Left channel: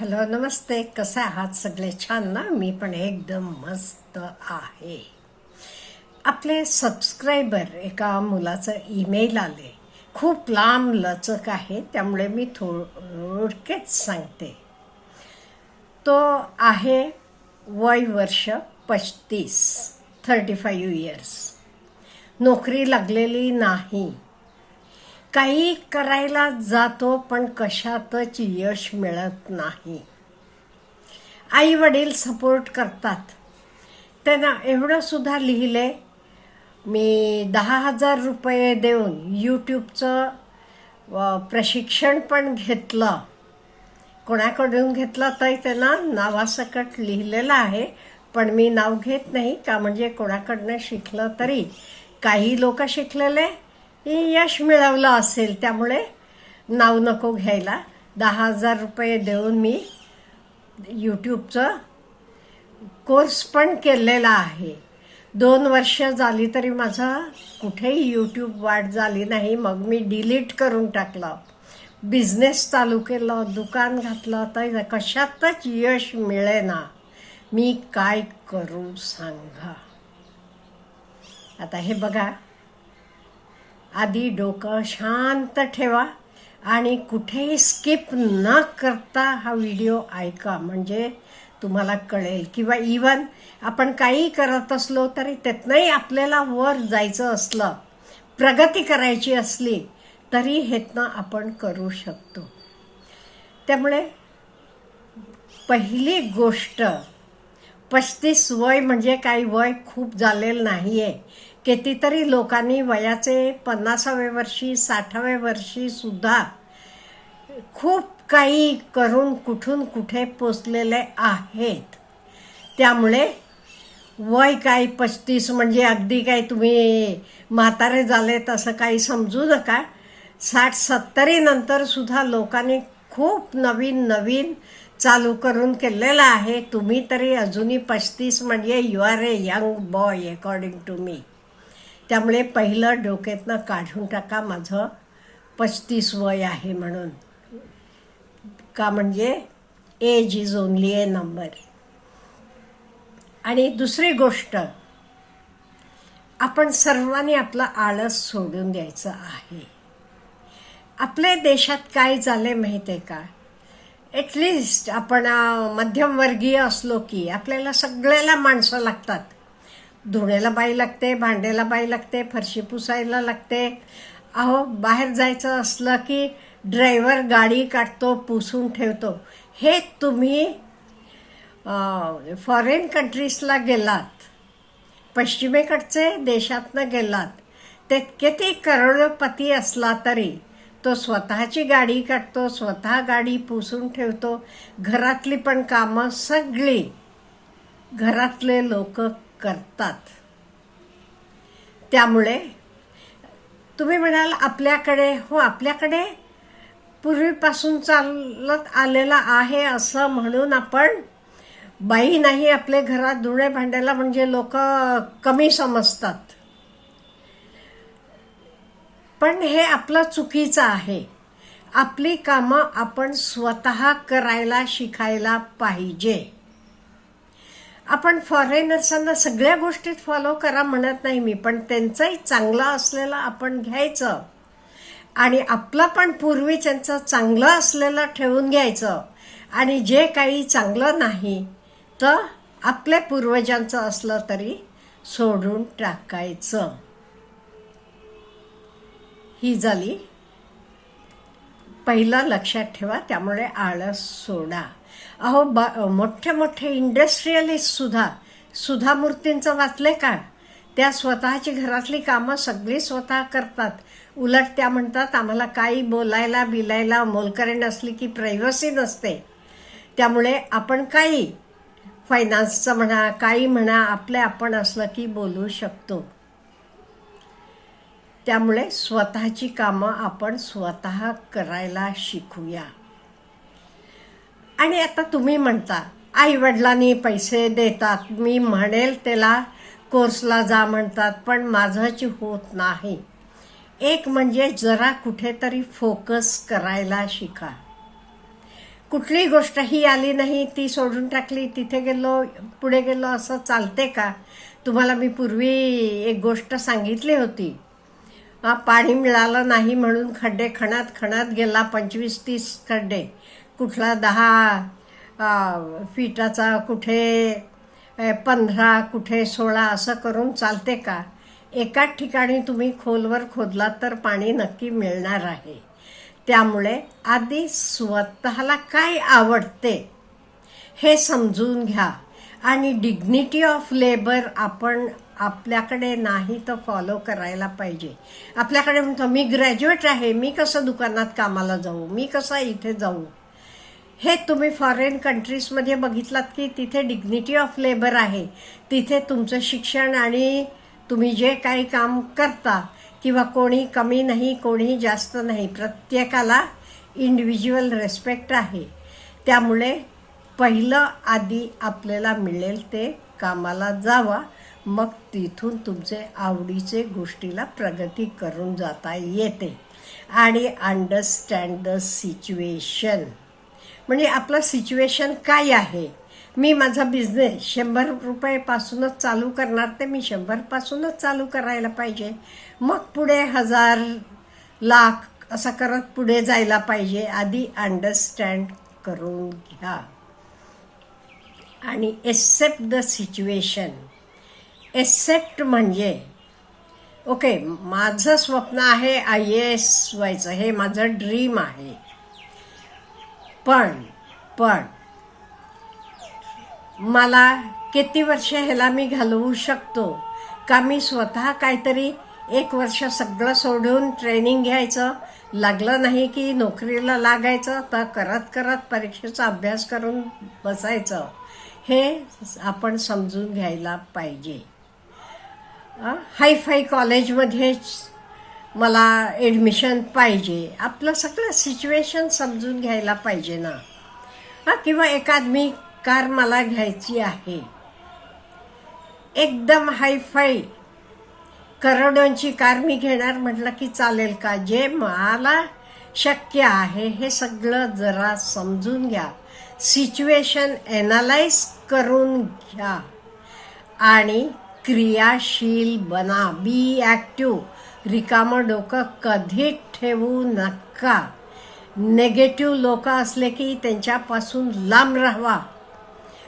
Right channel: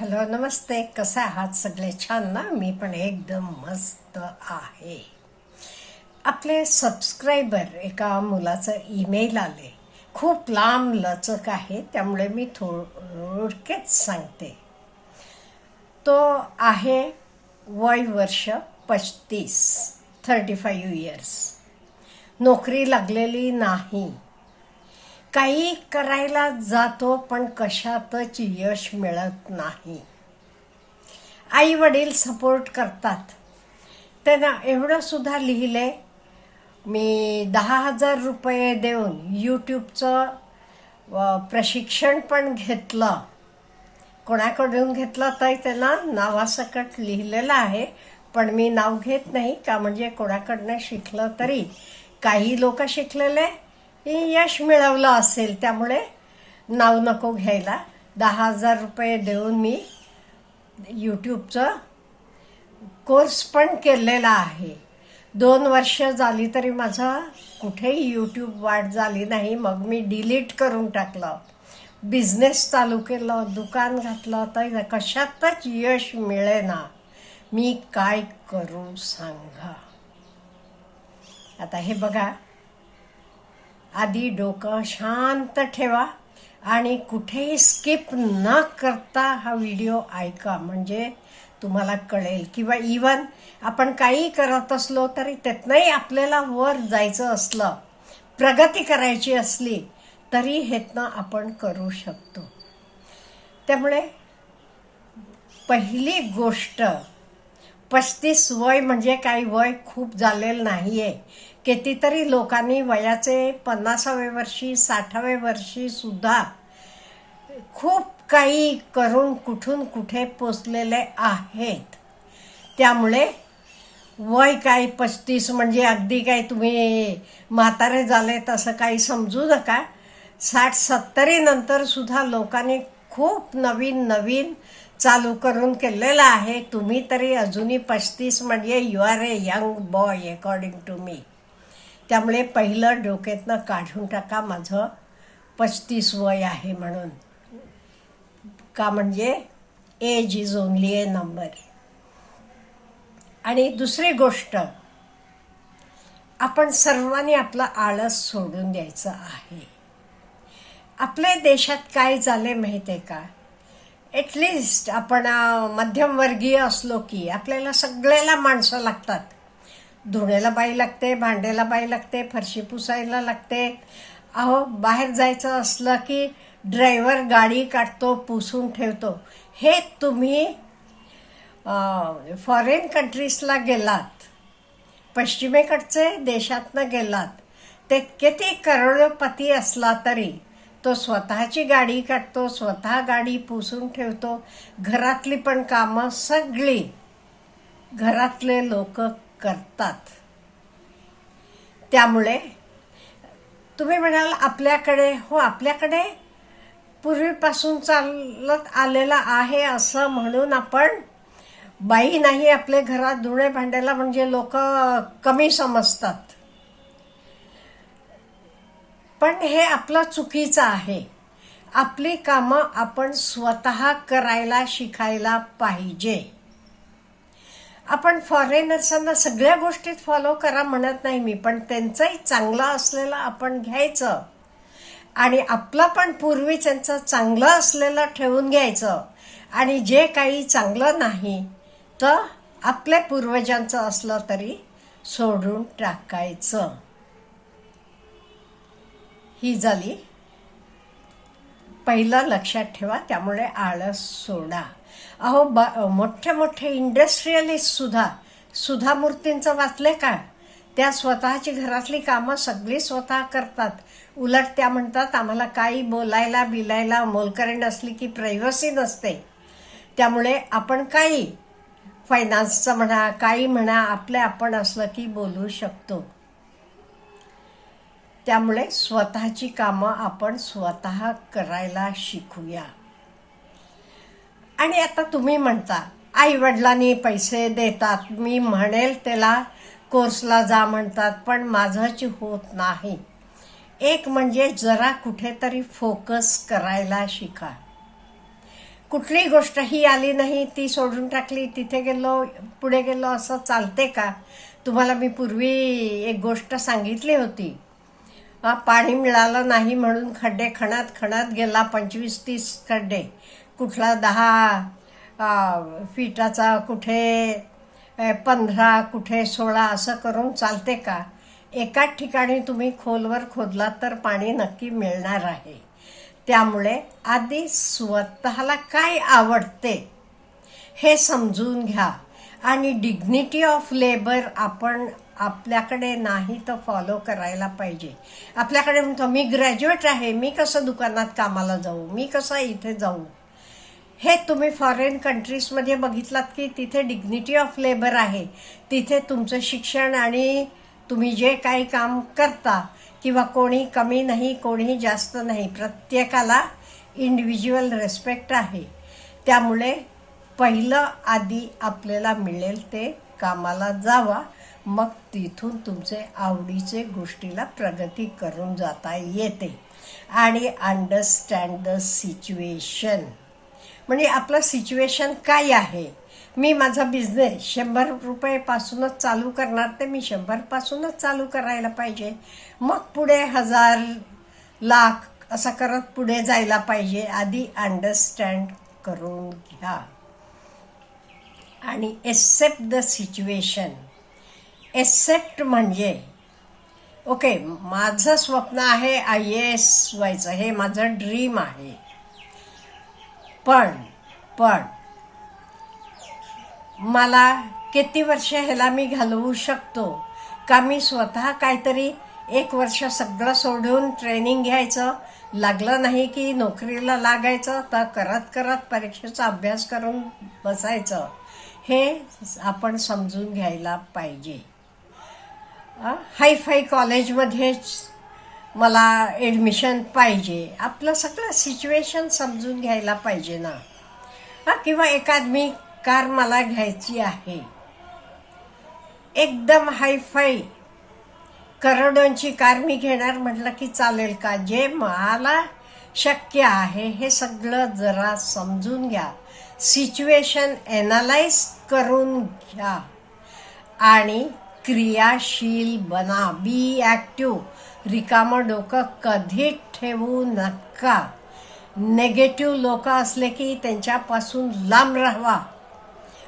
Hello नमस्ते. कसं आहात सगळे? छान ना? मी पण एकदम मस्त आहे. आपले सबस्क्रायबर एका मुलाचं ईमेल आले. खूप लांब लचक आहे त्यामुळे मी थोडकेच सांगते. तो आहे वय वर्ष पस्तीस थर्टी फाईव्ह इयर्स नोकरी लागलेली नाही. काही करायला जातो पण कशातच यश मिळत नाही. आई वडील सपोर्ट करतात. त्यांना एवढं सुद्धा लिहिले मी दहा हजार रुपये देऊन यूट्यूबचं प्रशिक्षण पण घेतलं. कोणाकडून घेतलं तर त्यांना? नावासकट लिहिलेलं आहे पण मी नाव घेत नाही का? म्हणजे कोणाकडनं शिकलं तरी. काही लोक शिकलेले यश मिळवलं असेल त्यामुळे नाव नको घ्यायला. दहा हजार रुपये देऊन मी यूट्यूबचं कोर्स पण केलेला आहे. दोन वर्ष झाली तरी माझं कुठेही यूट्यूब वाढ झाली नाही. मग मी डिलीट करून टाकलं. बिझनेस चालू केलं दुकान घातलं. तर कशातच यश मिळेना. मी काय करू सांगा. आता हे बघा. आधी डोकं शांत ठेवा आणि कुठेही स्किप न करता हा व्हिडिओ ऐका. म्हणजे तुम्हाला कळेल. किंवा इवन आपण काही करत असलो तरी त्यातनंही आपल्याला वर जायचं असलं प्रगती करायची असली तरी हेतनं आपण करू शकतो. त्यामुळे पहिली गोष्ट पस्तीस वय म्हणजे काही वय खूप झालेलं नाही आहे कितीतरी लोकांनी वयाचे पन्नासाव्या वर्षी साठाव्या वर्षी सुद्धा खूप काही करून कुठून कुठे पोचलेले आहेत. त्यामुळे वय काय पस्तीस म्हणजे अगदी काय तुम्ही म्हातारे झाले तसं काही समजू नका. साठ सत्तरी नंतर सुद्धा लोकांनी खूप नवीन नवीन चालू करून केलेलं आहे. तुम्ही तरी अजूनही पस्तीस म्हणजे you are a young boy according to me त्यामुळे पहिलं डोक्यातनं काढून टाका माझं. पस्तीस वय आहे म्हणून. का म्हणजे age is only a number आणि दुसरी गोष्ट आपण सर्वांनी आपला आळस सोडून द्यायचं आहे. आपल्या देशात काय झाले माहिती आहे का ॲटलिस्ट आपण मध्यमवर्गीय असलो की आपल्याला सगळ्याला माणसं लागतात. धुण्याला बाई लागते भांड्याला बाई लागते फरशी पुसायला लागते. अहो बाहेर जायचं असलं की ड्रायव्हर गाडी काढतो पुसून ठेवतो. हे तुम्ही फॉरेन कंट्रीजला गेलात पश्चिमेकडचे देशातनं गेलात ते किती करोडपती असला तरी तो स्वतःची गाडी काढतो स्वतः गाडी पुसून ठेवतो. घरातली पण कामं सगळी घरातले लोक करतात. त्यामुळे तुम्ही म्हणाल आपल्याकडे हो आपल्याकडे पूर्वीपासून चालत आलेला आहे असं म्हणून आपण बाई नाही आपल्या घरात धुणे भांड्याला म्हणजे लोक कमी समजतात. पण हे आपलं चुकीचं आहे. आपली कामं आपण स्वतः करायला शिकायला पाहिजे. आपण फॉरेनर्सांना सगळ्या गोष्टीत फॉलो करा म्हणत नाही मी पण त्यांचंही चांगला असलेला आपण घ्यायचं. आणि आपलं पण पूर्वी त्यांचं चांगलं असलेलं ठेवून घ्यायचं. आणि जे काही चांगलं नाही तर आपल्या पूर्वजांचं असलं तरी सोडून टाकायचं. ही झाली पहिलं लक्षात ठेवा त्यामुळे आळस सोडा. अहो ब मोठे मोठे इंडस्ट्रियलिस्ट सुद्धा सुधा मूर्तींचं वाचले का? त्या स्वतःची घरातली कामं सगळी स्वतः करतात. उलट त्या म्हणतात आम्हाला काही बोलायला बिलायला मोलकरी नसली की प्रायव्हसी नसते. त्यामुळे आपण काही फायनान्सचं म्हणा काही म्हणा आपले आपण असलं की बोलू शकतो. त्यामुळे स्वतःची कामं आपण स्वतः करायला शिकूया. आणि आता तुम्ही म्हणता आई वडिलांनी पैसे देतात. मी म्हणेल त्याला कोर्सला जा म्हणतात पण माझंच होत नाही. एक म्हणजे जरा कुठेतरी फोकस करायला शिका. कुठली गोष्ट ही आली नाही ती सोडून टाकली तिथे गेलो पुढे गेलो असं चालते का? तुम्हाला मी पूर्वी एक गोष्ट सांगितली होती. पाणी मिळालं नाही म्हणून खड्डे खणात खणात गेला पंचवीस तीस खड्डे. कुठला दहा फीटाचा फिटाचा कुठे पंधरा कुठे सोळा असं करून चालते का? एकाच ठिकाणी तुम्ही खोलवर खोदलात तर पाणी नक्की मिळणार आहे. त्यामुळे आधी स्वतःला काय आवडते हे समजून घ्या. आणि डिग्निटी ऑफ लेबर आपण आपल्याकडे नाही तर फॉलो करायला पाहिजे. आपल्याकडे म्हणतो मी ग्रॅज्युएट आहे मी कसं दुकानात कामाला जाऊ? मी कसं इथे जाऊ? हे तुम्ही फॉरेन कंट्रीजमध्ये बघितलात की तिथे डिग्निटी ऑफ लेबर आहे. तिथे तुमचं शिक्षण आणि तुम्ही जे काही काम करता किंवा कोणी कमी नाही कोणी जास्त नाही प्रत्येकाला इंडिव्हिज्युअल रेस्पेक्ट आहे. त्यामुळे पहिलं आधी आपल्याला मिळेल ते कामाला जावा. मग तिथून तुमचे आवडीचे गोष्टीला प्रगती करून जाता येते. आणि अंडरस्टँड द सिच्युएशन म्हणजे आपलं सिच्युएशन काय आहे? मी माझा बिझनेस शंभर रुपयेपासूनच चालू करणार ते मी शंभरपासूनच चालू करायला पाहिजे. मग पुढे हजार लाख असं करत पुढे जायला पाहिजे. आधी अंडरस्टँड करून घ्या. आणि एक्सेप्ट द सिच्युएशन एक्सेप्ट म्हणजे ओके माझं स्वप्न आहे आय एस व्हायचं. हे माझं ड्रीम आहे. पण पण मला किती वर्ष ह्याला मी घालवू शकतो? का मी स्वतः काहीतरी एक वर्ष सगळं सोडून ट्रेनिंग घ्यायचं? लागलं नाही की नोकरीला लागायचं? तर करत करत परीक्षेचा अभ्यास करून बसायचं. हे आपण समजून घ्यायला पाहिजे. हायफाय कॉलेजमध्येच मला ॲडमिशन पाहिजे. आपलं सगळं सिच्युएशन समजून घ्यायला पाहिजे ना. हा किंवा एखाद कार मला घ्यायची आहे. एकदम हायफाय करोडोंची कार मी घेणार म्हटलं की चालेल का? जे मला शक्य आहे हे सगळं जरा समजून घ्या. सिच्युएशन ॲनालाइज करून घ्या. आणि क्रियाशील बना बी ॲक्टिव्ह रिकामं डोकं कधी ठेवू नका. नेगेटिव्ह लोक असले की त्यांच्यापासून लांब राहावा.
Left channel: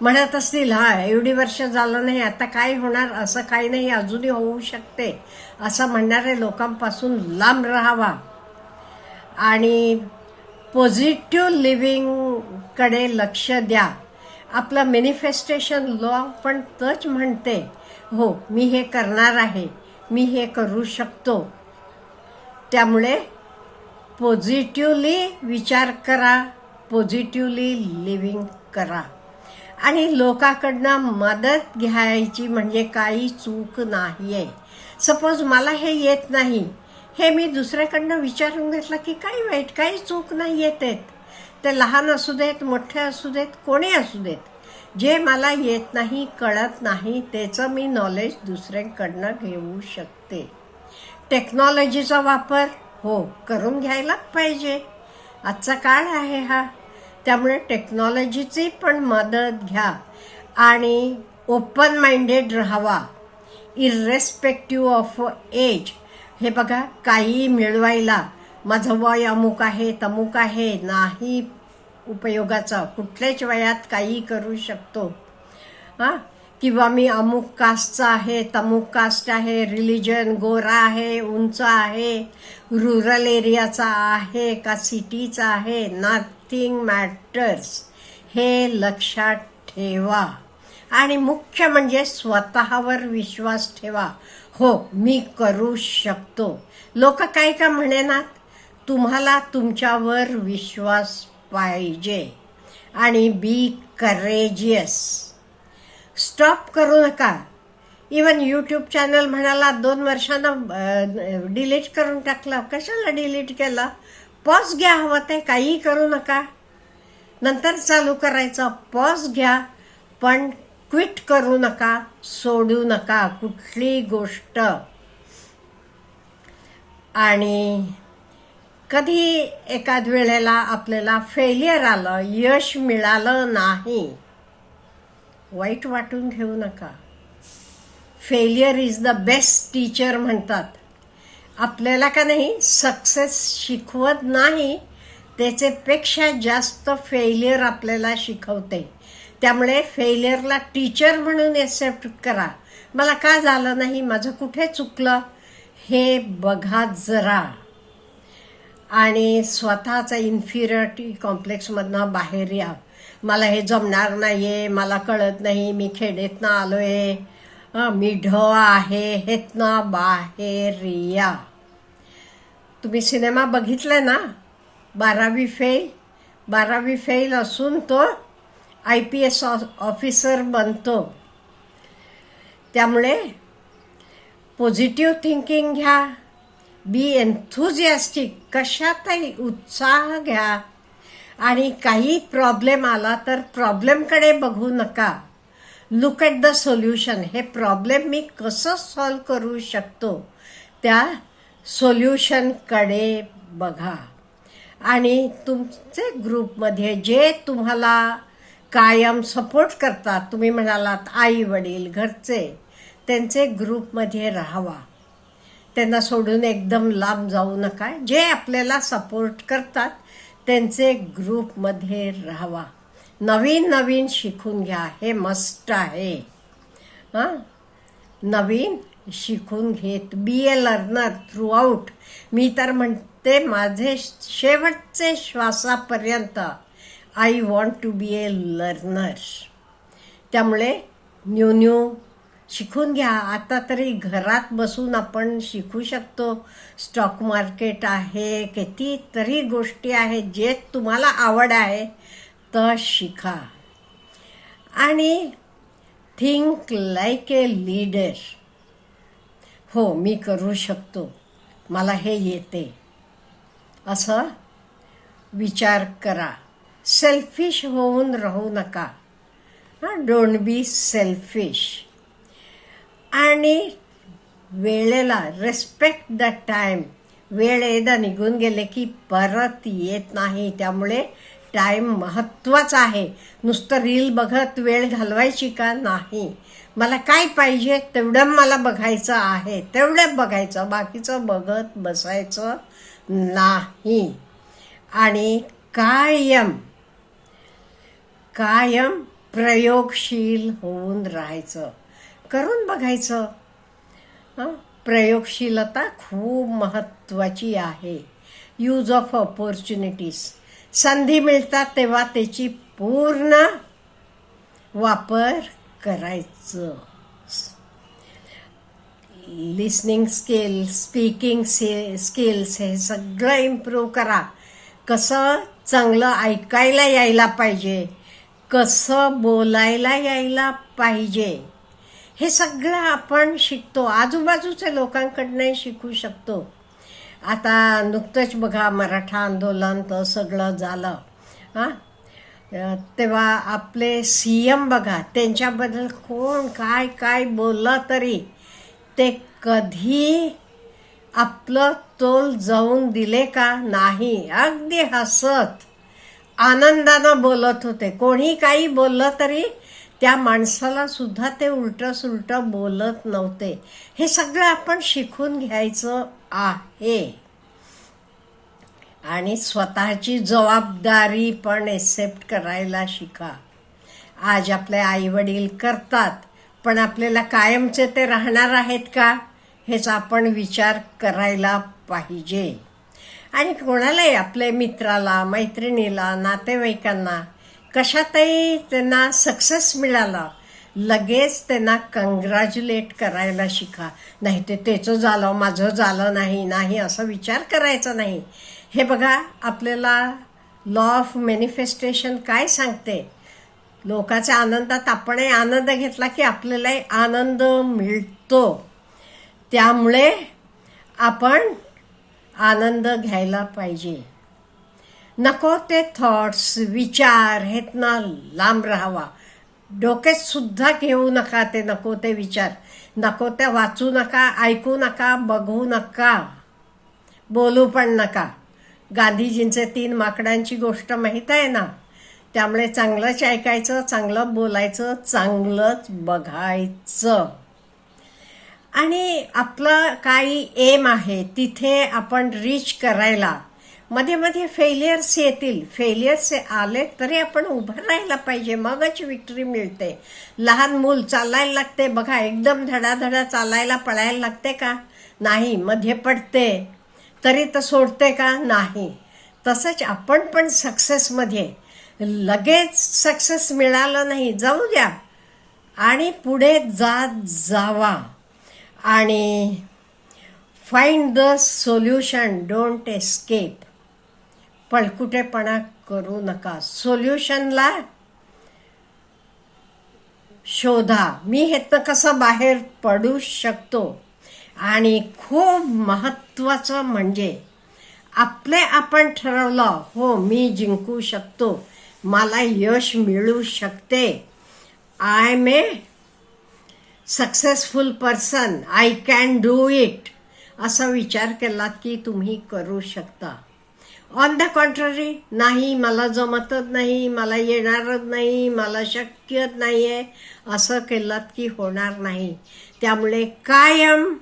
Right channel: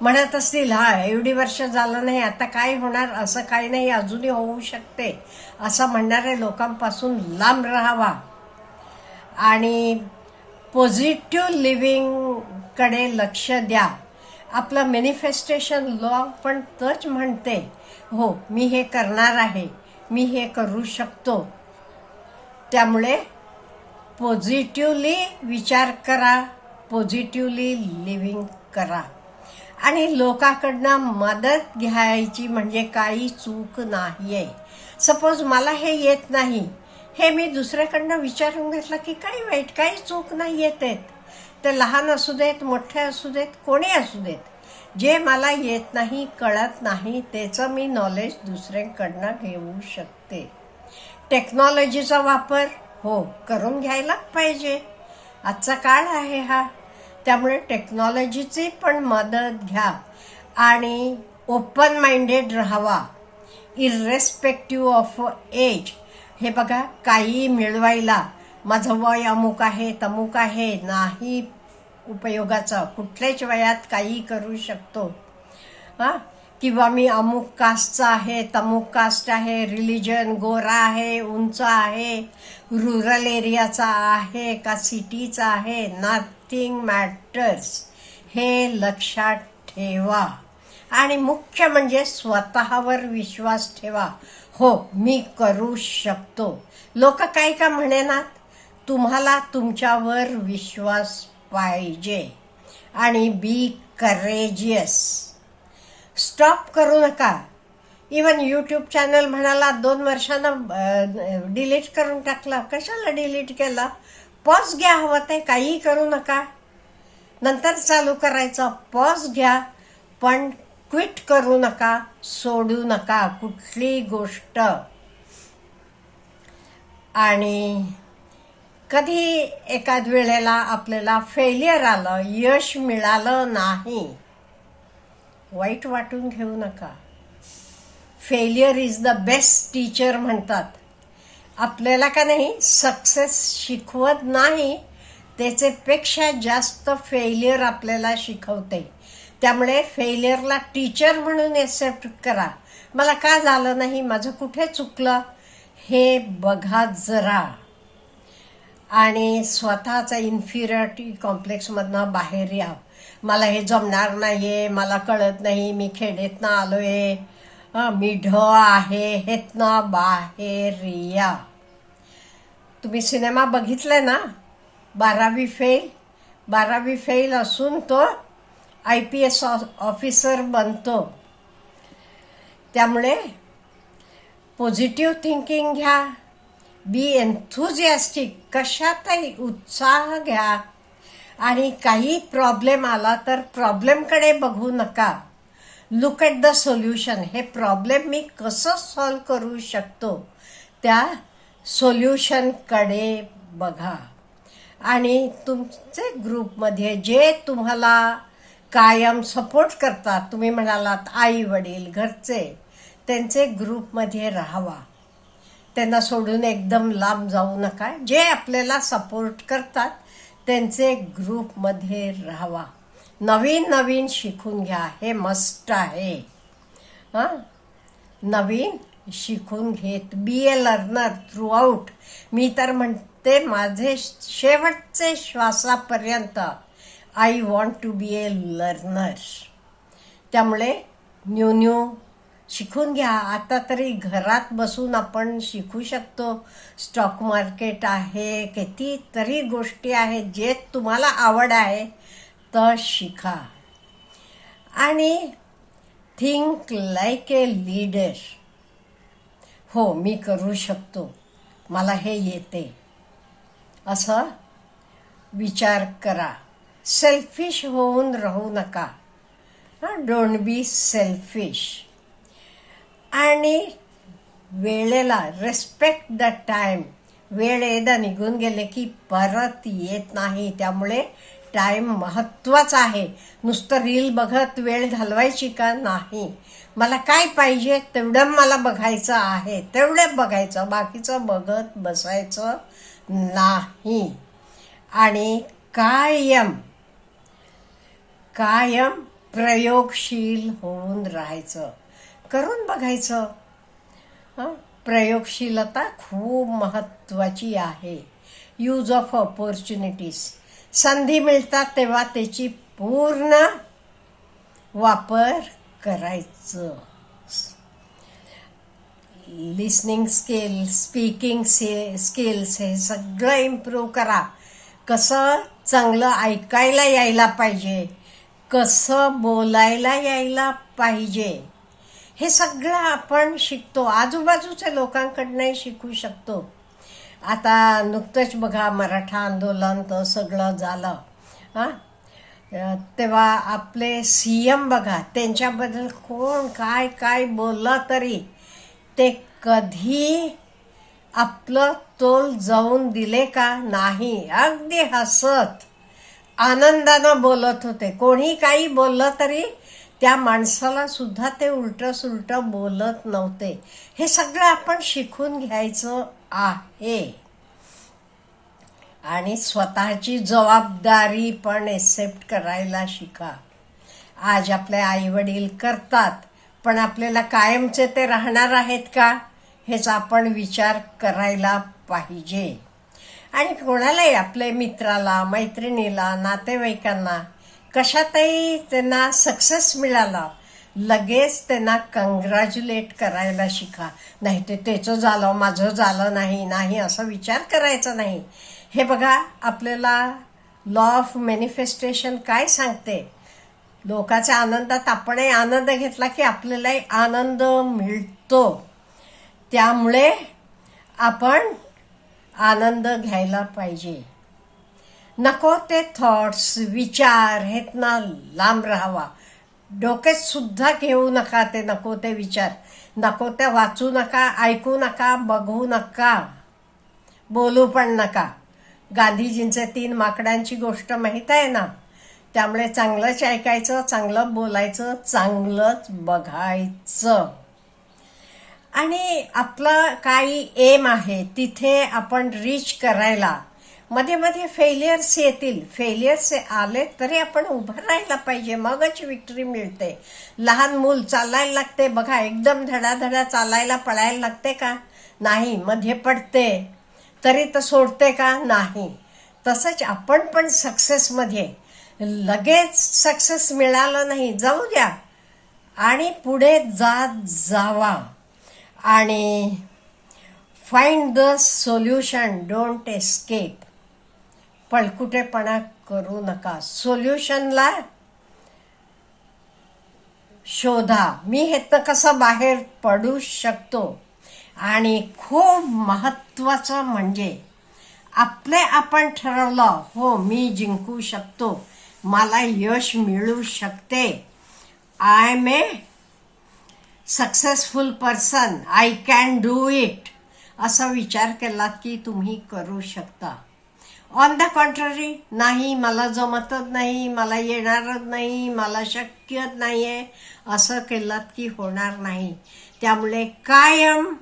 म्हणत असतील हा एवढी वर्ष झालं नाही आता काय होणार? असं काही नाही अजूनही होऊ शकते. असं म्हणणाऱ्या लोकांपासून लांब राहावा. आणि पॉझिटिव्ह लिव्हिंगकडे लक्ष द्या. आपलं मॅनिफेस्टेशन लॉ पण तच म्हणते. हो मी हे करणार आहे. मी हे करू शकतो. त्यामुळे पॉझिटिव्हली विचार करा पॉझिटिव्हली लिव्हिंग करा. आणि लोकांकडनं मदत घ्यायची म्हणजे काही चूक नाही आहे सपोज मला हे येत नाही. हे मी दुसऱ्याकडनं विचारून घेतलं की काही वाईट काही चूक नाही येत ते लहान असू देत मोठे असू देत कोणी असू देत. जे मला येत नाही कळत नाही त्याचं मी नॉलेज दुसऱ्यांकडनं घेऊ शकते. टेक्नॉलॉजीचा वापर हो करून घ्यायलाच पाहिजे. आजचा काळ आहे हा. त्यामुळे टेक्नॉलॉजीची पण मदत घ्या आणि ओपन माइंडेड राहावा. इरेस्पेक्टिव्ह ऑफ एज हे बघा काही मिळवायला. माझं वय अमुक आहे तमुक आहे नाही उपयोगाचा. कुठल्याच वयात काही करू शकतो. हा? किंवा मी अमुक कास्टचा आहे तमुक कास्ट आहे रिलिजन गोरा आहे उंच आहे रुरल एरियाचा आहे का सिटीचा आहे नथिंग मॅटर्स हे लक्षात ठेवा. आणि मुख्य म्हणजे स्वतःवर विश्वास ठेवा. हो मी करू शकतो. लोक काय का म्हणेनात? तुम्हाला तुमच्यावर विश्वास पाहिजे. आणि बी करेजियस स्टॉप करू नका. इवन यूट्यूब चॅनल म्हणाला दोन वर्षानं डिलीट करून टाकलं. कशाला डिलीट केलं? पॉज घ्या हवं ते. काहीही करू नका. नंतर चालू करायचं पॉज घ्या पण क्विट करू नका. सोडू नका कुठली गोष्ट. आणि कधी एखाद वेळेला आपल्याला फेलियर आलं यश मिळालं नाही वाईट वाटून घेऊ नका. Failure is the best teacher म्हणतात. आपल्याला का नाही सक्सेस शिकवत नाही त्याचेपेक्षा जास्त फेलियर आपल्याला शिकवते. त्यामुळे फेलियरला टीचर म्हणून एक्सेप्ट करा. मला का झालं नाही माझं कुठे चुकलं? हे बघा जरा. आणि स्वतःचा इन्फिरियरिटी कॉम्प्लेक्समधनं बाहेर या. मला हे जमणार नाही आहे मला कळत नाही मी खेडेतनं आलो आहे मी ढ आहे हेतनं बाहेर या. तुम्ही सिनेमा बघितलाय ना? बारावी फेल बारावी फेल असून तो आय पी एस ऑफिसर बनतो. त्यामुळे पॉझिटिव्ह थिंकिंग घ्या. बी एन्थुझियास्टिक कशातही उत्साह घ्या. आणि काही प्रॉब्लेम आला तर प्रॉब्लेमकडे बघू नका. लुक ॲट द सोल्युशन हे प्रॉब्लेम मी कसं सॉल्व करू शकतो? त्या सोल्युशनकडे बघा. आणि तुमचे ग्रुपमध्ये जे तुम्हाला कायम सपोर्ट करतात तुम्ही म्हणालात आई वडील घरचे त्यांचे ग्रुपमध्ये राहावा. त्यांना सोडून एकदम लांब जाऊ नका. जे आपल्याला सपोर्ट करतात त्यांचे ग्रुपमध्ये राहावा. नवीन नवीन शिकून घ्या. हे मस्ट आहे. हां? नवीन शिकून घेत. बी ए लर्नर थ्रूआउट मी तर म्हणते माझे शेवटचे श्वासापर्यंत I want to be a learner त्यामुळे न्यू न्यू शिकून घ्या. आता तरी घरात बसून आपण शिकू शकतो. स्टॉक मार्केट आहे कितीतरी गोष्टी आहेत जे तुम्हाला आवड आहे तर शिका. आणि थिंक लाईक ए लीडर हो मी करू शकतो. मला हे येते. असं विचार करा. सेल्फिश होऊन राहू नका. डोंट बी सेल्फिश आणि वेळेला रेस्पेक्ट द टाइम वेळ एकदा निघून गेले की परत येत नाही. त्यामुळे टाइम महत्त्वाचा आहे. नुसतं रील बघत वेळ घालवायची का नाही? मला काय पाहिजे? तेवढं मला बघायचं आहे. तेवढं बघायचं. बाकीचं बघत बसायचं नाही. आणि कायम कायम प्रयोगशील होऊन राहायचं. करून बघायचं. प्रयोगशीलता खूप महत्वाची आहे. यूज ऑफ ऑपॉर्च्युनिटीज संधी मिळतात तेव्हा त्याची पूर्ण वापर करायचं. Listening skill speaking say skills हे सगळं इम्प्रूव्ह करा. कसं चांगलं ऐकायला यायला पाहिजे. कसं बोलायला यायला पाहिजे. हे सगळं आपण शिकतो. आजूबाजूच्या लोकांकडनंही शिकू शकतो. आता नुकतंच बघा मराठा आंदोलन तर सगळं झालं. हां? तेव्हा आपले सी एम बघा त्यांच्याबद्दल कोण काय काय बोललं तरी ते कधी आपलं तोल जाऊन दिले का नाही. अगदी हसत आनंदानं बोलत होते. कोणी काही बोललं तरी त्या माणसाला सुद्धा ते उलटं सुलटं बोलत नव्हते. हे सगळं आपण शिकून घ्यायचं आहे. आणि स्वतःची जबाबदारी पण एक्सेप्ट करायला शिका. आज आपले आई वडील करतात पण आपल्याला कायमचे ते राहणार आहेत का? हेच आपण विचार करायला पाहिजे. आणि कोणालाही आपल्या मित्राला मैत्रिणीला नातेवाईकांना कशातही त्यांना सक्सेस मिळाला लगेच त्यांना कंग्रॅच्युलेट करायला शिका. नाही ते त्याचं झालं माझं झालं नाही नाही असा विचार करायचा नाही. हे बघा आपल्याला लॉ ऑफ मॅनिफेस्टेशन काय सांगते? लोकाच्या आनंदात आपणही आनंद घेतला की आपल्यालाही आनंद मिळतो. त्यामुळे आपण आनंद घ्यायला पाहिजे. नको ते थॉट्स विचार हेत ना लांब राहावा. डोक्यात सुद्धा घेऊ नका ते नको ते विचार. नको त्या वाचू नका ऐकू नका बघू नका. बोलू पण नका. गांधीजींचे तीन माकडांची गोष्ट माहीत आहे ना? त्यामुळे चांगलंच ऐकायचं चांगलं बोलायचं चांगलंच बघायचं. आणि आपलं काही एम आहे तिथे आपण रीच करायला मध्ये मध्ये फेलियर्स येतील. फेलियर्स आले तरी आपण उभं राहायला पाहिजे. मगच विक्ट्री मिळते. लहान मूल चालायला लागते. बघा एकदम धडाधडा चालायला पळायला लागते का? नाही. मध्ये पडते. तरी तर सोडते का? नाही. तसंच आपण पण सक्सेसमध्ये लगेच सक्सेस मिळालं नाही. जाऊ द्या. आणि पुढे जात जावा. आणि find the solution don't escape पळकुटेपणा करू नका. सोल्युशनला शोधा. मी हेतनं कसं बाहेर पडू शकतो? आणि खूप महत्वाचं म्हणजे आपले आपण ठरवलं हो मी जिंकू शकतो. मला यश मिळू शकते. I am a successful person I can do it असा विचार केला की तुम्ही करू शकता. ऑन द कॉन्ट्ररी नाही मला जमतच नाही मला येणारच नाही मला शक्य आहे असं केलं की होणार नाही. त्यामुळे कायम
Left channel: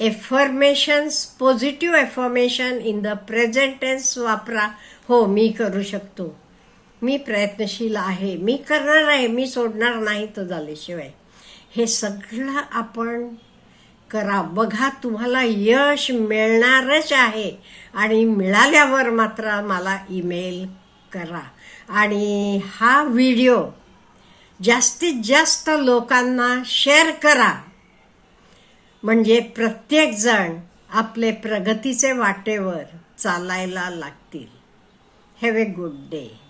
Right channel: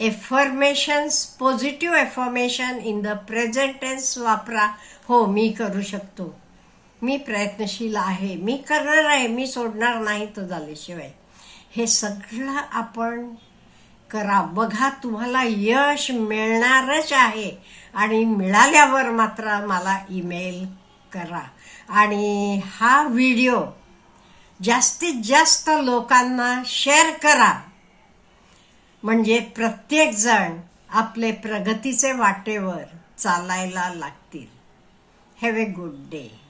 affirmations positive affirmation in the present tense वापरा. हो मी करू शकतो. मी प्रयत्नशील आहे. मी करणार आहे. मी सोडणार नाही तर झाल्याशिवाय. हे सगळं आपण करा. बघा तुम्हाला यश मिळणारच आहे. आणि मिळाल्यावर मात्र मला ईमेल करा. आणि हा व्हिडिओ जास्तीत जास्त लोकांना शेअर करा. म्हणजे प्रत्येकजण आपले प्रगतीचे वाटेवर चालायला लागतील. Have a good day